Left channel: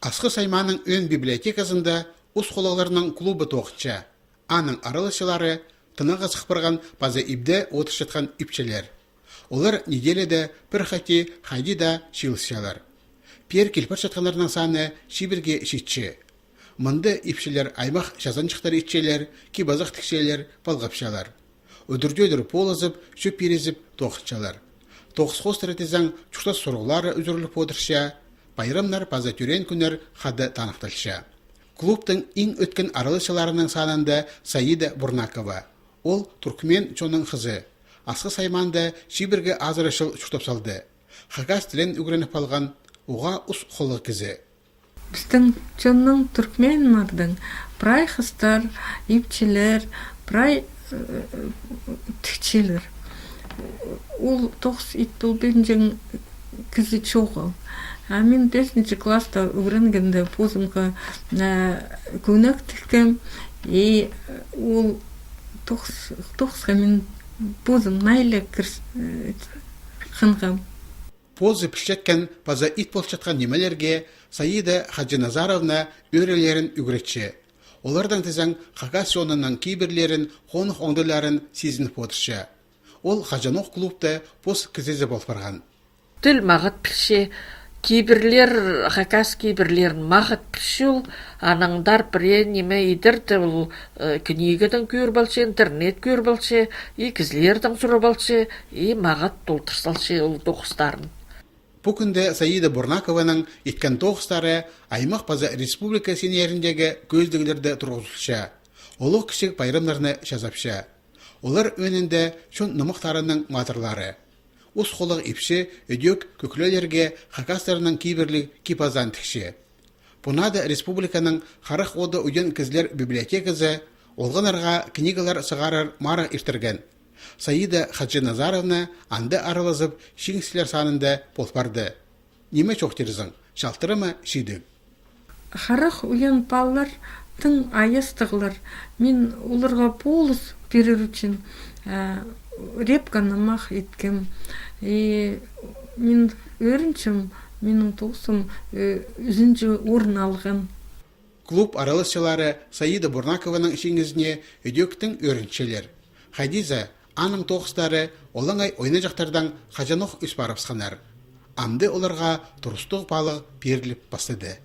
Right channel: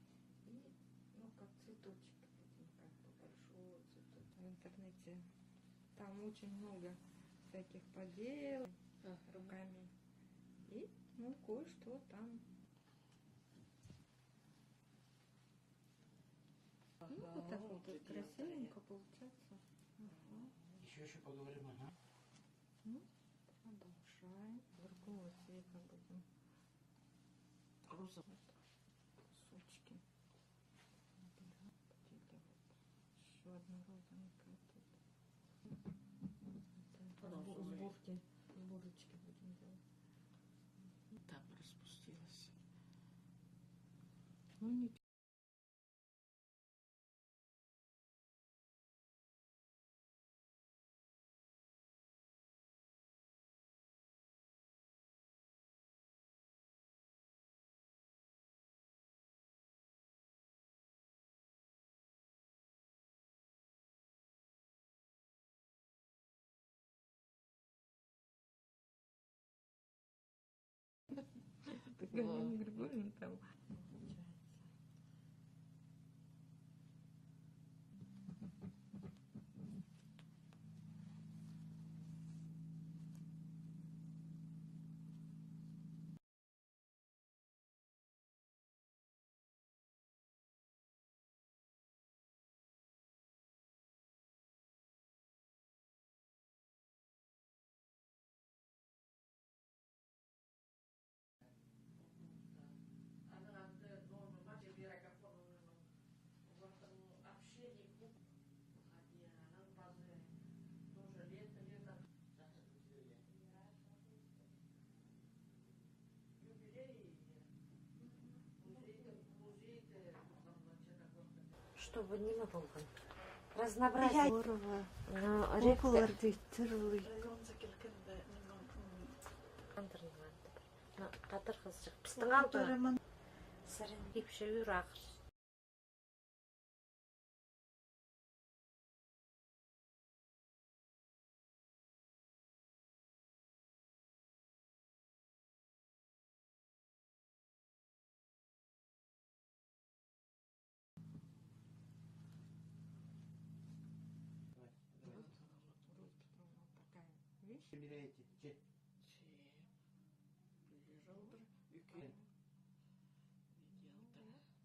Асқы Сайманың өн библиотекасында ұс қолаларының клубы тоқытша. Аның аралышылары тынығы сықпырған база ибде отыр жатқан ипчелер. Олар неделеде бір хати хайдида шилысшалар. Пер келпір жатқанларының саны шибірге шитші. Мұнды ипшелер аймақ жазанчықтар итчелер, кибазақ тікшелер, балғапшалар. Өдірдедір полызып, шөп перезіп тоқытшалар. Тоқыс қостыратызан чұқтас сұрғылары үзіріліп отырша, байрамнар база түрен күнер хады танықталша. Клубтың ең өткен аралышыларының санында Саида Бурнакова. Ол Туркмен чоның қызы. Асқы Сайманды шибірге азырышыл чұқтап салды. Хагас тілін үгірініп алған оға ұс қолы кізі. Біздің чонның түркменлардың прай хыстар, ипчелер, прай тікчелер. Ол тоқс ит бұл бенжен кізі чоғыл. Мен 5 класста үйренгенде позымға көнек тіккем, и ол тоқсқа мен позым найлы қынғам. Позы пішчеткен база ит болып жатқан немелерге Саида Хаджиназаровна өрелерін үгіретші. Олардан тізен Хагас жонының кейбірлерін, қонық оңдыларын сезініп отыршы. Ол Хаджанох клубты поз кізезі болып барған. Тіл мағыт піші, кейбірлер Хагас кейбірлерін мағыт піші ол, анаңдар біре неме едірді ол книгадан көр балшы, интернет көр балшы, кізлердің сұры балшы, мағыт толтырсалшы ол тоқыстарын. Бұл күнде Саида Бурнакованың еткен тоғыстары аймақ база республика сенеріндегі көздігілерді тұрғызылша. Олық кішік байрамларыны жазапша. Олар өнінде шон нымықтарының матырлары. Ос қолық ипші өдек көкілелерге хакастарының кейбірлік кипазан тікші. Бұнады республиканың қарық оды өден кізлер библиотекізі олғанарға книгалар сығарар мары иртірген. Саида Хаджиназаровна анды аралызып шеңсілер санында болпарды. Неме чоқтерізің? Шалтыры ма шейді? Қарық ұян баллар тың аястығылар. Мен оларға полыс берер үшін репканы мақ еткем. Мен өріншім, менің тоқсым үзінжі орын алған. Клуб аралысшылары Саида Бурнакованың шеңізіне өдектің өріншелер. Хадиза аның тоқыстары олаңай ойны жақтардан Хаджанох үс барып сқанар. Амды оларға тұрыстық балық беріліп бастады.